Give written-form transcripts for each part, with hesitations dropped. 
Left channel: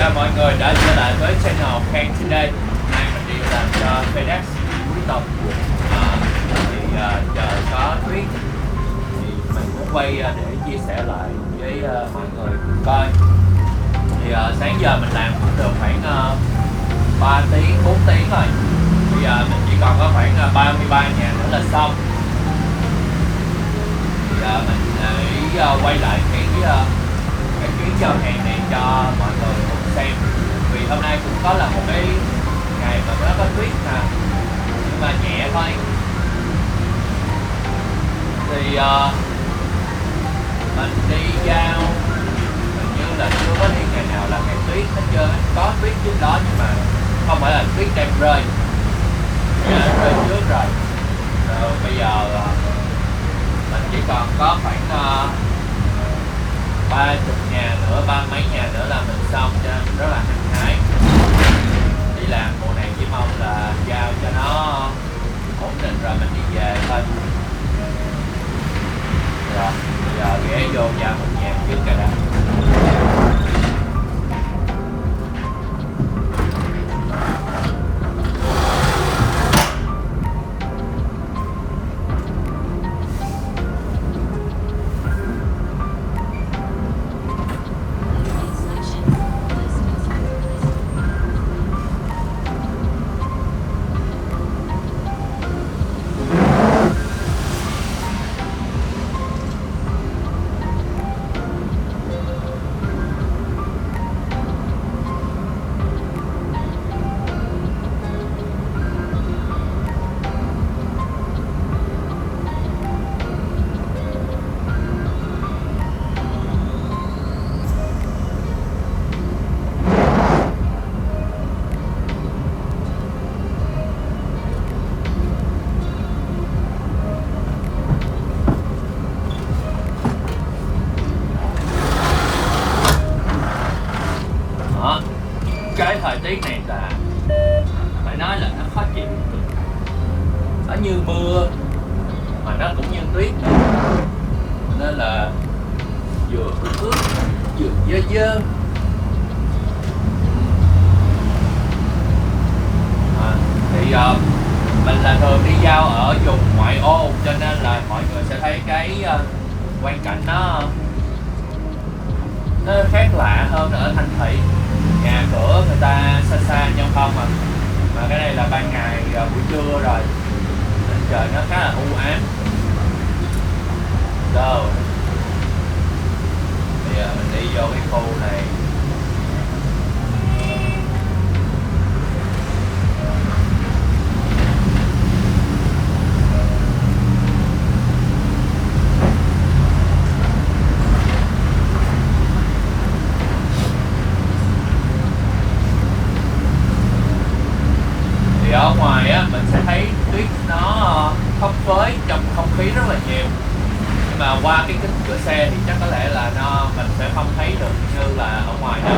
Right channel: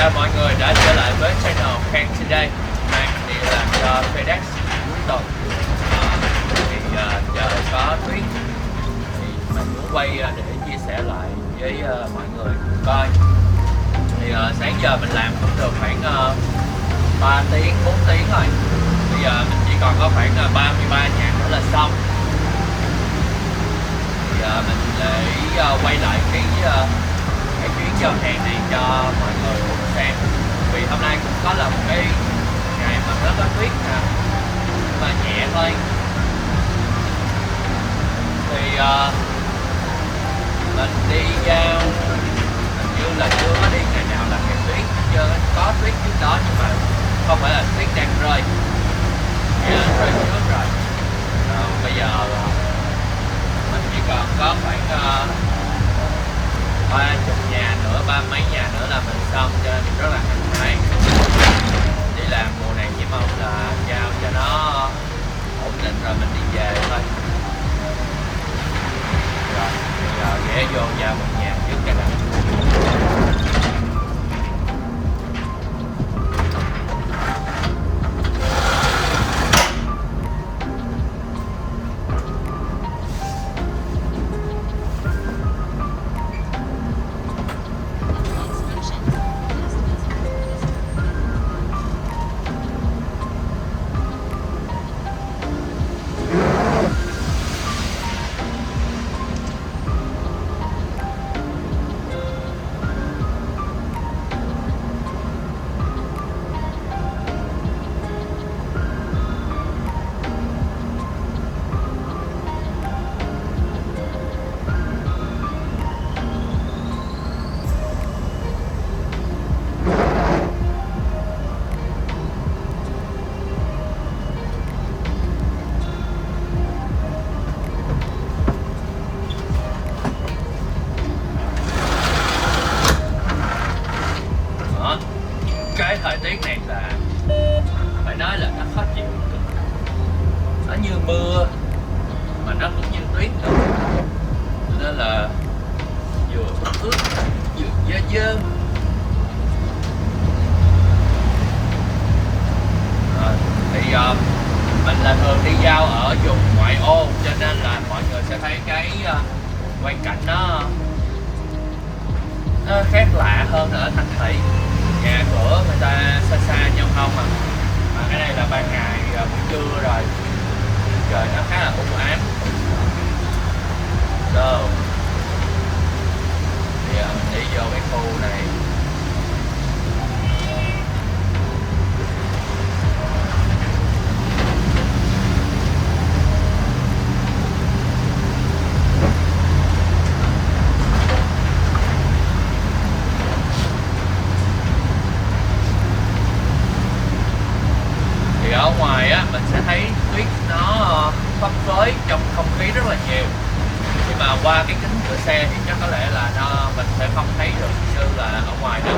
chào mọi người đã trở lại với channel Khang Today. Hôm nay mình đi làm cho FedEx cuối tuần. Trời có tuyết thì mình muốn quay để chia sẻ lại với mọi người coi. Thì sáng giờ mình làm cũng được khoảng 3 tiếng 4 tiếng rồi. Bây giờ mình chỉ còn có khoảng 33 nhà nữa là xong. Thì mình để quay lại cái chuyến giao hàng này cho mọi người cùng xem. Vì hôm nay cũng có là một cái ngày mà nó có tuyết nè, nhưng mà nhẹ thôi. Thì mình đi giao hình như là chưa có đi ngày nào là ngày tuyết hết trơn. Có tuyết trước đó nhưng mà không phải là tuyết đang rơi, đã rơi trước rồi. Rồi bây giờ mình chỉ còn có khoảng 30 nhà nữa, 30 mấy nhà nữa là mình xong, cho nên rất là hăng hái. Đi làm vụ này chỉ mong là giao cho nó ổn định rồi mình đi về thôi. Rồi bây giờ ghé vô giao một nhà trước cái đã. Cái thời tiết này là phải nói là nó khó chịu, nó như mưa mà nó cũng như tuyết nữa, nên là vừa ướt vừa dơ dơ. Thì mình là thường đi giao ở vùng ngoại ô, cho nên là mọi người sẽ thấy cái quang cảnh nó khác lạ hơn ở thành thị. Nhà cửa người ta xa xa giao thông mà cái này là ban ngày buổi trưa rồi, trời nó khá là u ám. Rồi bây giờ mình đi vô cái khu này. Ở ngoài á mình sẽ thấy tuyết nó phấp phới trong không khí rất là nhiều, nhưng mà qua cái kính của xe thì chắc có lẽ là mình sẽ không thấy được như là ở ngoài đâu.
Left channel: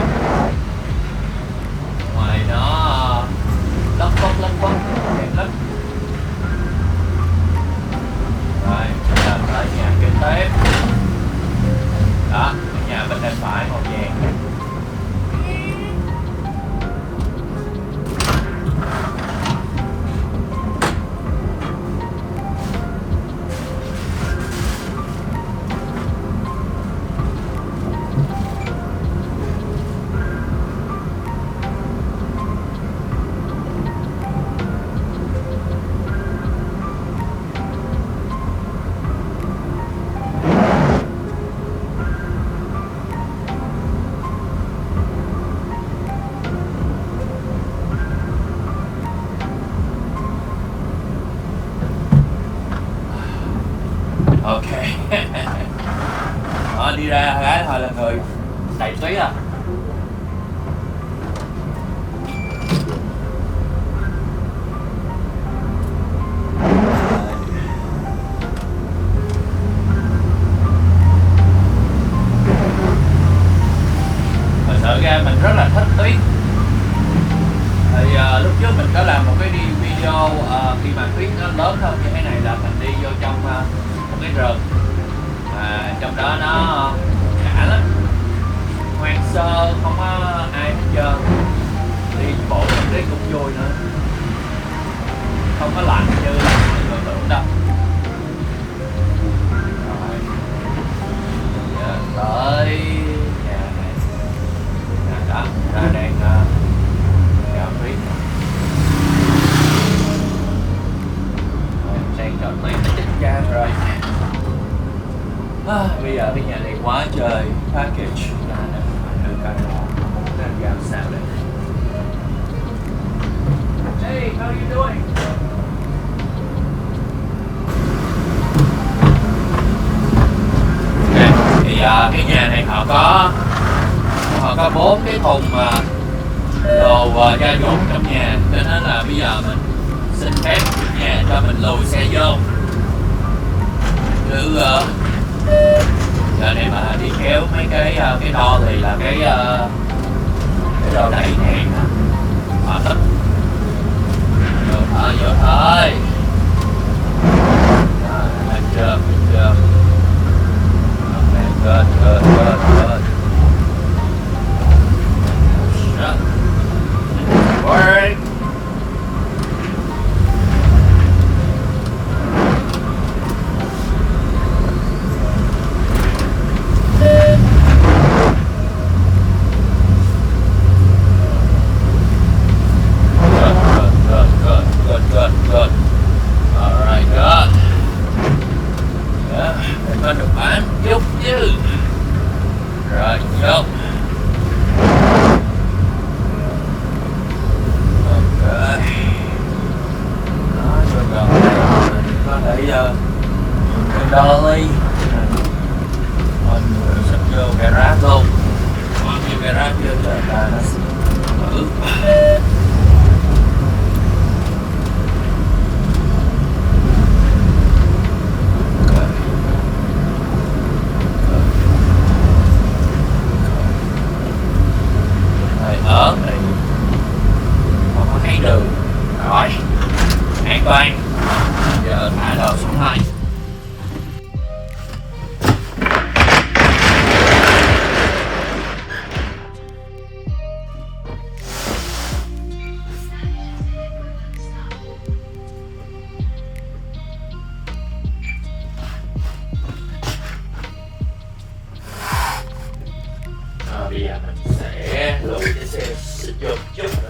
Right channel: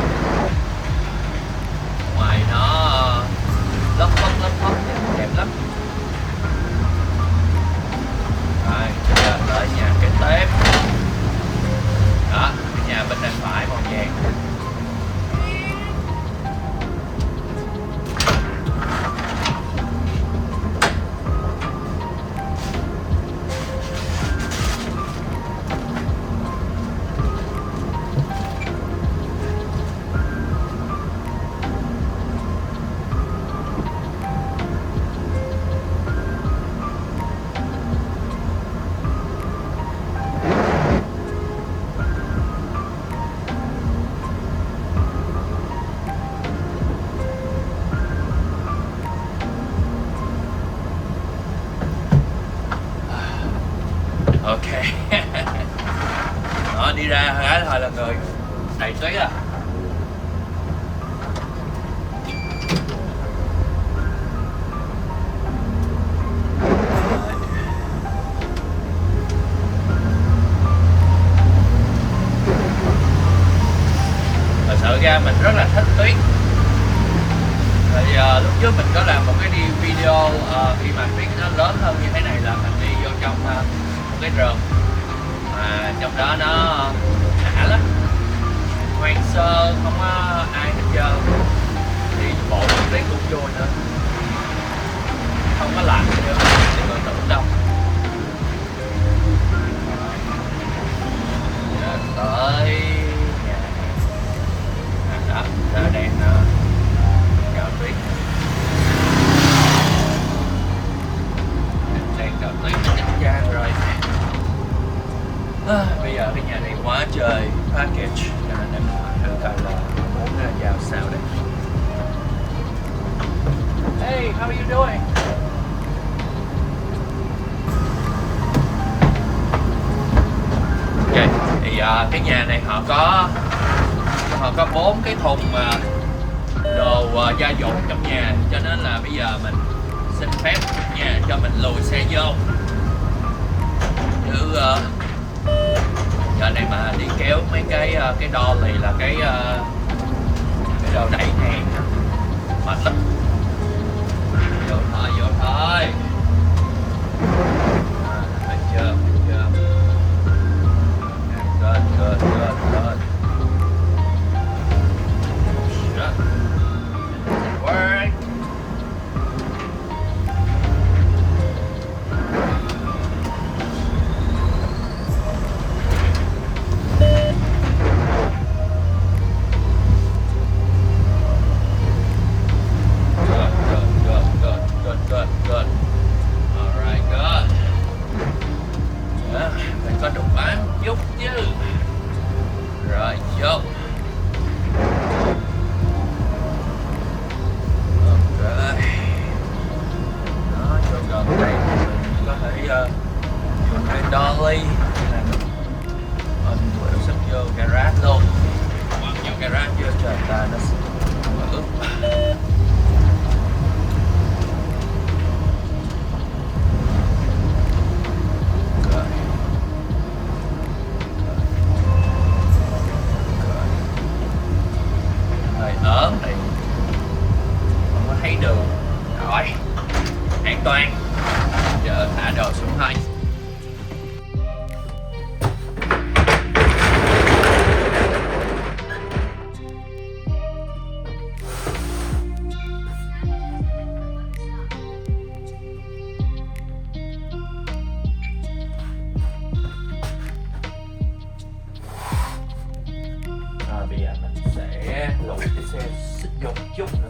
Ngoài nó lất phất nhìn đẹp lắm. Rồi bây giờ tới nhà kế tiếp đó, cái nhà bên tay phải màu vàng kìa. Ok. Đi ra cái thôi là người đầy tuyết à. Thật sự ra mình rất là thích tuyết. Thì lúc trước mình có làm một cái video khi mà tuyết nó lớn hơn như thế này, là mình đi vô trong một cái rừng mà trong đó nó đã lắm, hoang sơ, không có ai hết trơn. có 4 cái thùng đồ gia dụng trong nhà, cho nên là bây giờ mình xin phép chủ nhà cho mình lùi xe vô. Chứ giờ này mà đi kéo mấy cái đo thì là cái đo đẩy hàng mệt lắm. Vô thôi. Ăn chưa? Good. Work. Good. Alright, good. Phải có được bán chút chứ. Rồi, vô. Ok. Đó, rồi gần đây có thể dolly. Mình sẽ vô garage luôn. Qua cái garage vừa trời ta nó ướt. Ở thì không có thấy đường rồi, an toàn. Giờ thả đồ xuống thôi. Bây giờ mình sẽ lùi cái xe xích vô một chút nữa.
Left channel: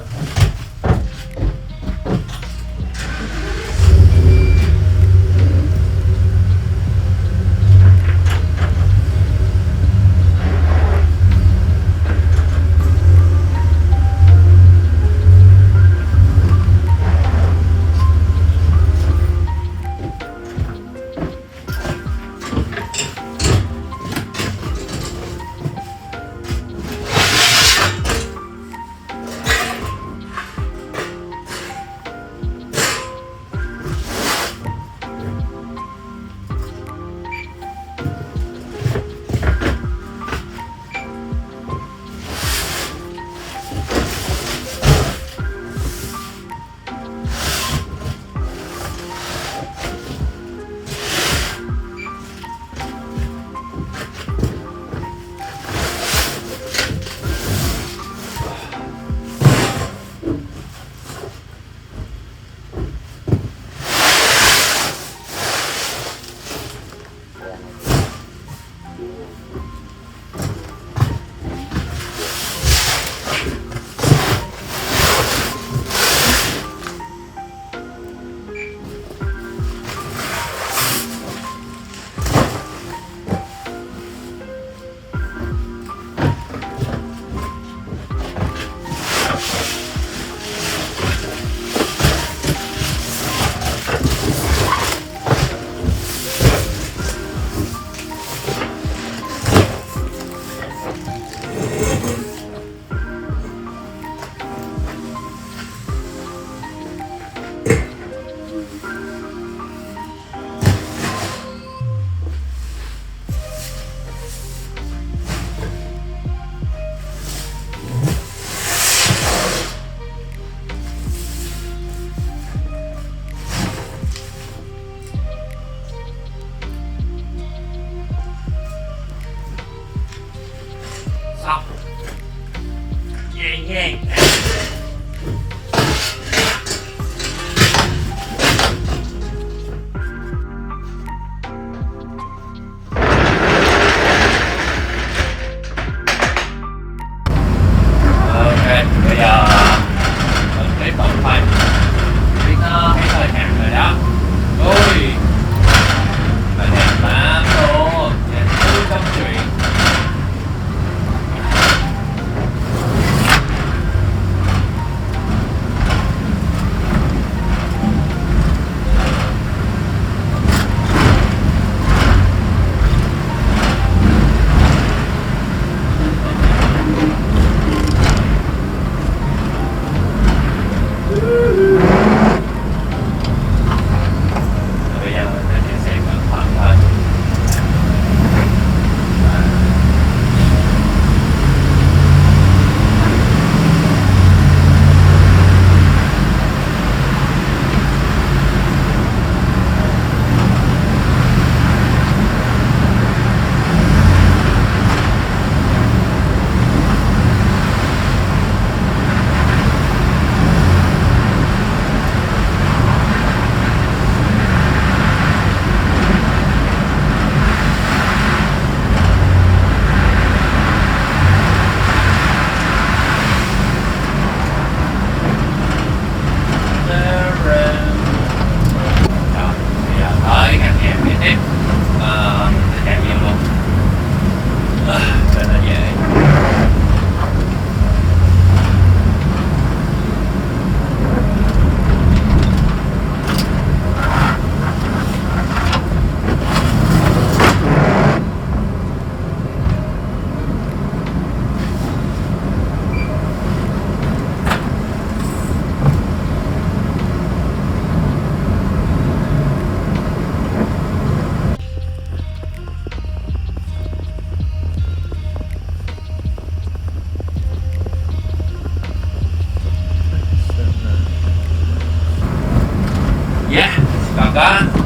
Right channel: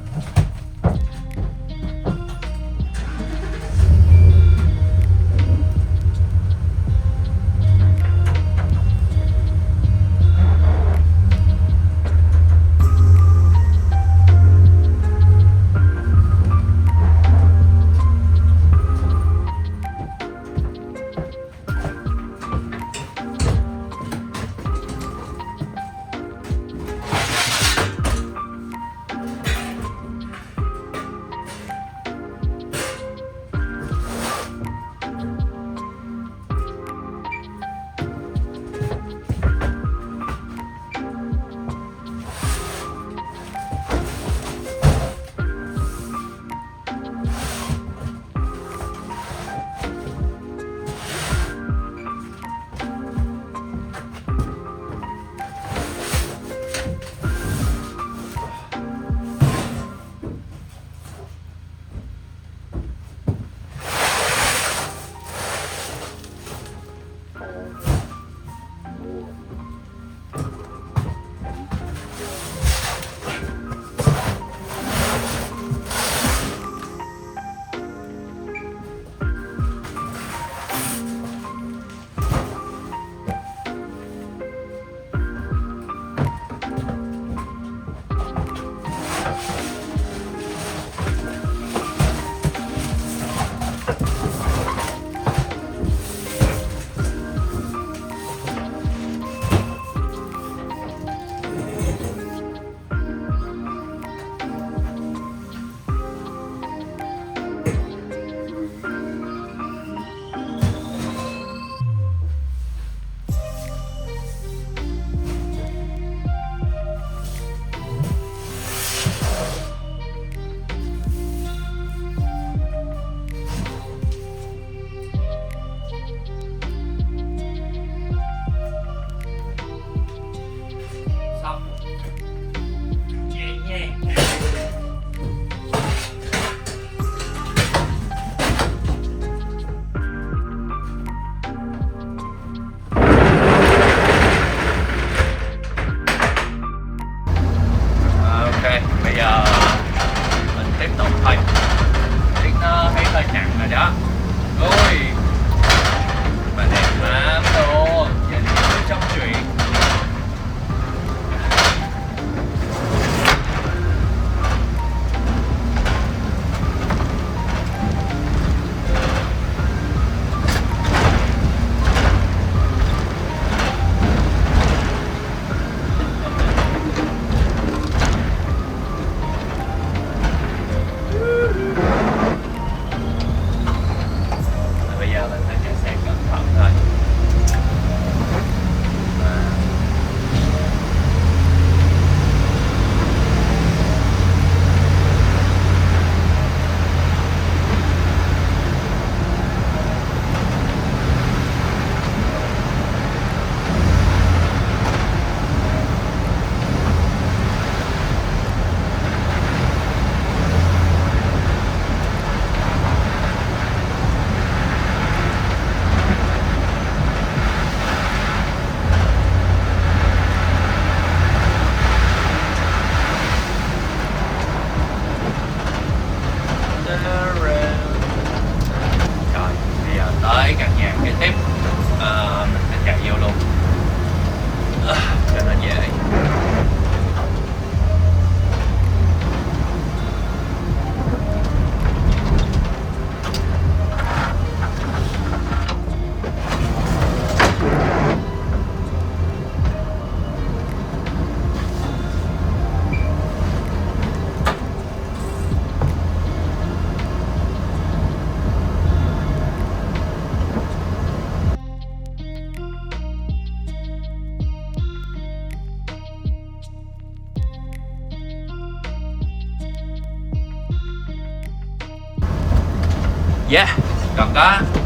còn có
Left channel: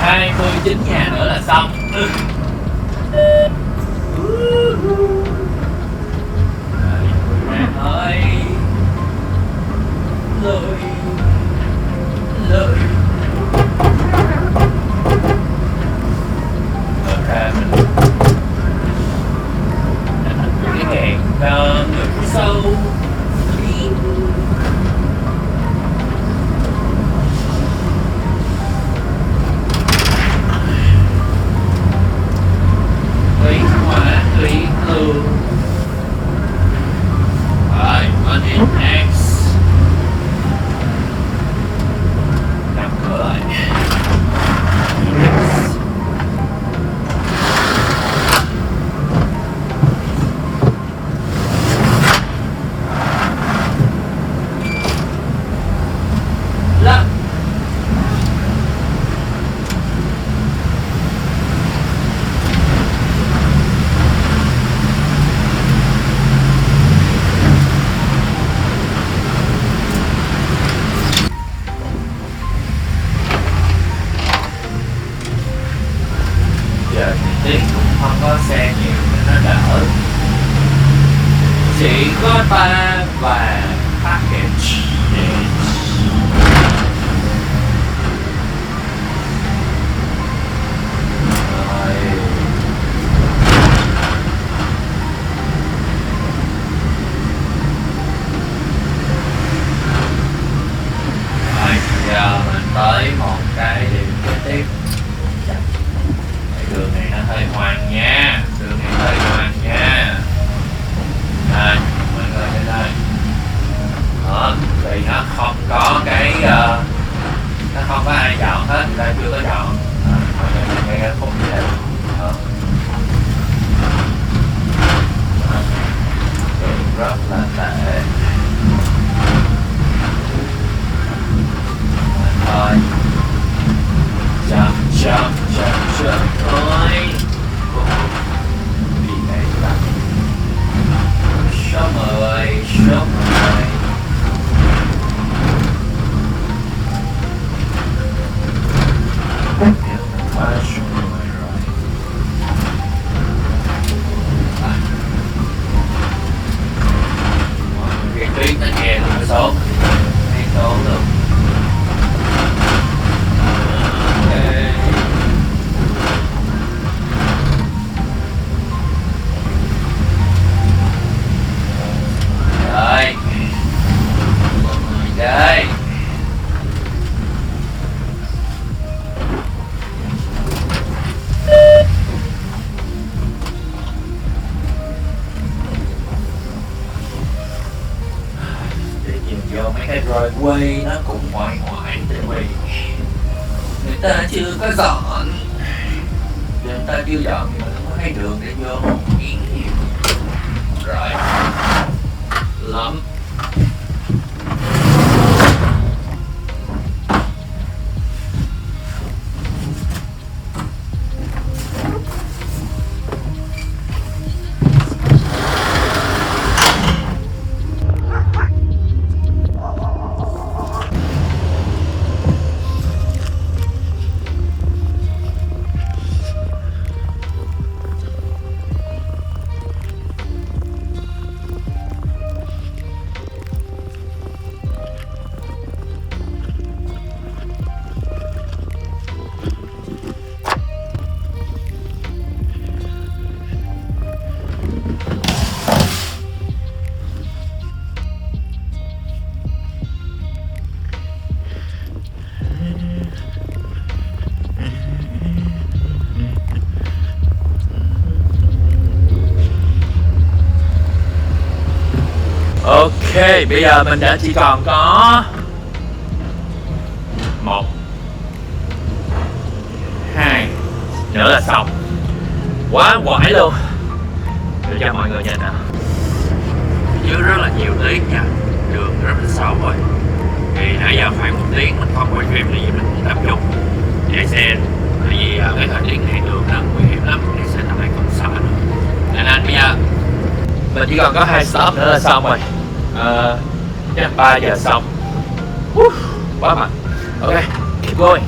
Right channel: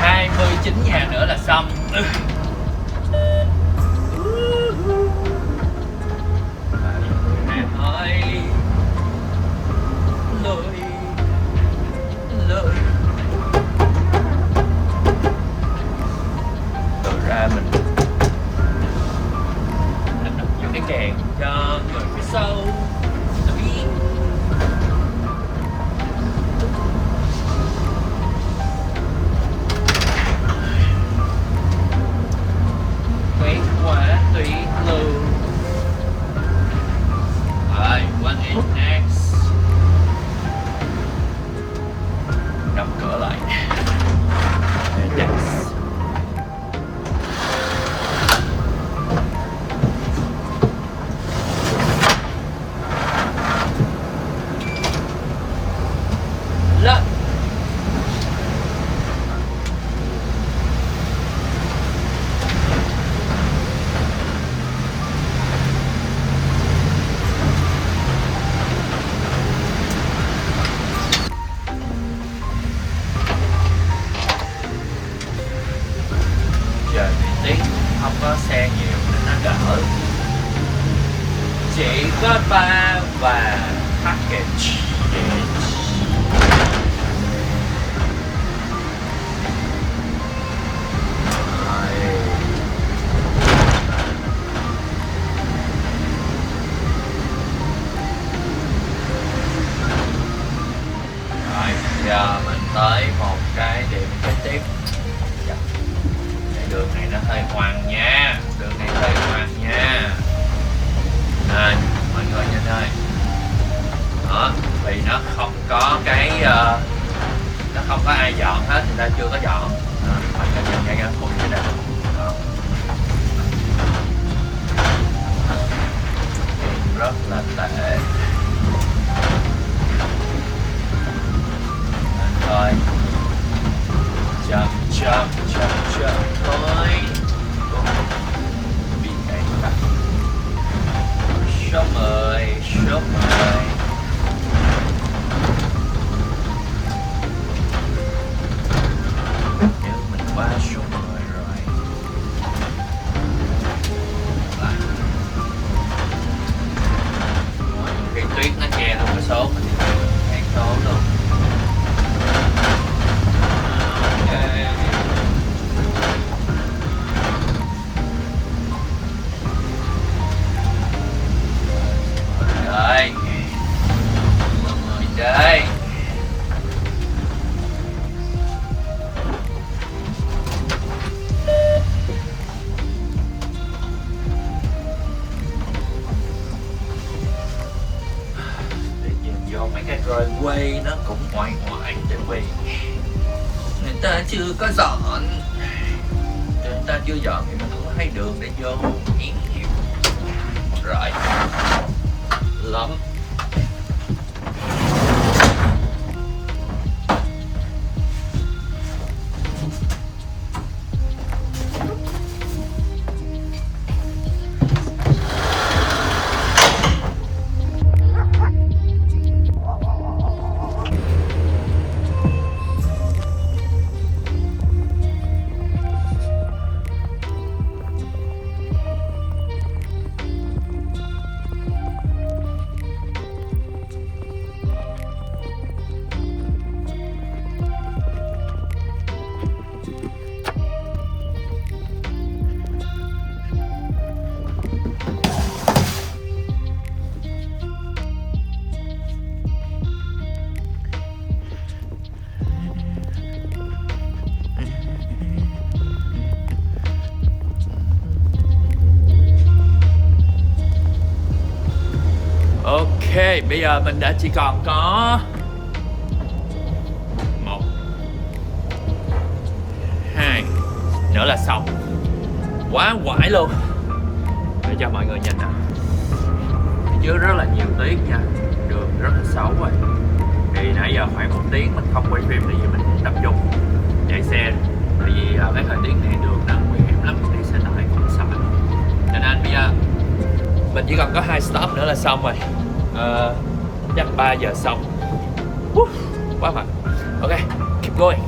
29 nhà nữa là xong. Ơi lời lời rồi ra mình cái đèn cho người phía sau đi. Quỷ quả quỷ cường rồi qua điểm X đóng cửa lại. Lắp giờ thì Tiến cũng không có xe nhiều nên nó đỡ, chỉ có 3 và package. Rồi giờ mình tới một cái điểm tiếp. Cái đường này nó hơi hoang nha, đường này hơi hoang nha. Này mọi người nhìn đây, đó vì nó không có cái nó không có ai dọn hết, người ta chưa có dọn. Mọi người nhìn thấy cái khúc như này đó. Rất là tệ. Thôi chậm chậm chậm chậm thôi. Bị cái đặt số 10 số 10. Mình qua số 10 rồi. Cái tuyến nó che luôn số cái số luôn. Rồi chơi đi tìm vô mấy cái driveway nó cũng ngoại ngoại chứ mày, người ta chưa có dọn, người ta chưa dọn thì không có thấy đường để vô nhiều rồi lắm. Ok, bây giờ mình đã chỉ còn có 1 2 nữa là xong. Quá quải luôn. Để cho mọi người nhìn nè, dưới rất là nhiều tiếng nha, đường rất là xấu rồi. Thì nãy giờ khoảng 1 tiếng mình không quay phim thì mình cũng tập trung chạy xe, vì cái thời tiết này đường nó nguy hiểm lắm, chạy xe ở đây không sợ nữa. Nên bây giờ mình chỉ còn có 2 stop nữa là xong rồi. Chắc 3 giờ xong. Quá mạnh. Ok, keep going.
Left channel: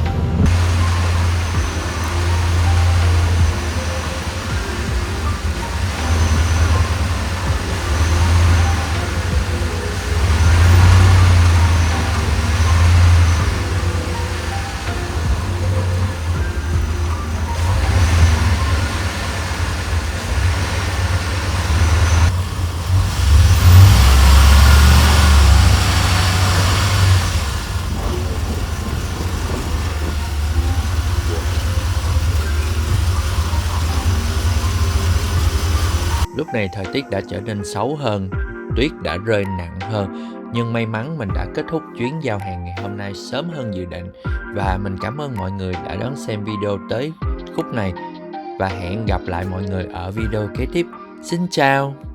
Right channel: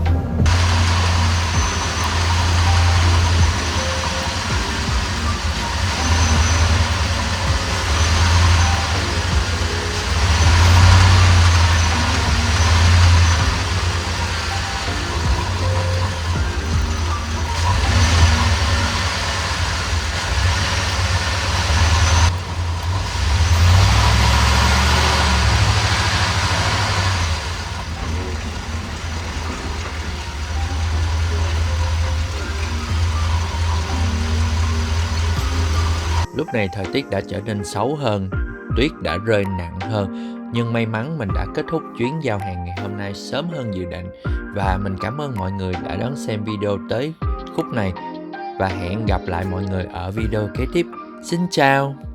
Lúc này thời tiết đã trở nên xấu hơn, tuyết đã rơi nặng hơn, nhưng may mắn mình đã kết thúc chuyến giao hàng ngày hôm nay sớm hơn dự định. Và mình cảm ơn mọi người đã đón xem video tới khúc này, và hẹn gặp lại mọi người ở video kế tiếp. Xin chào!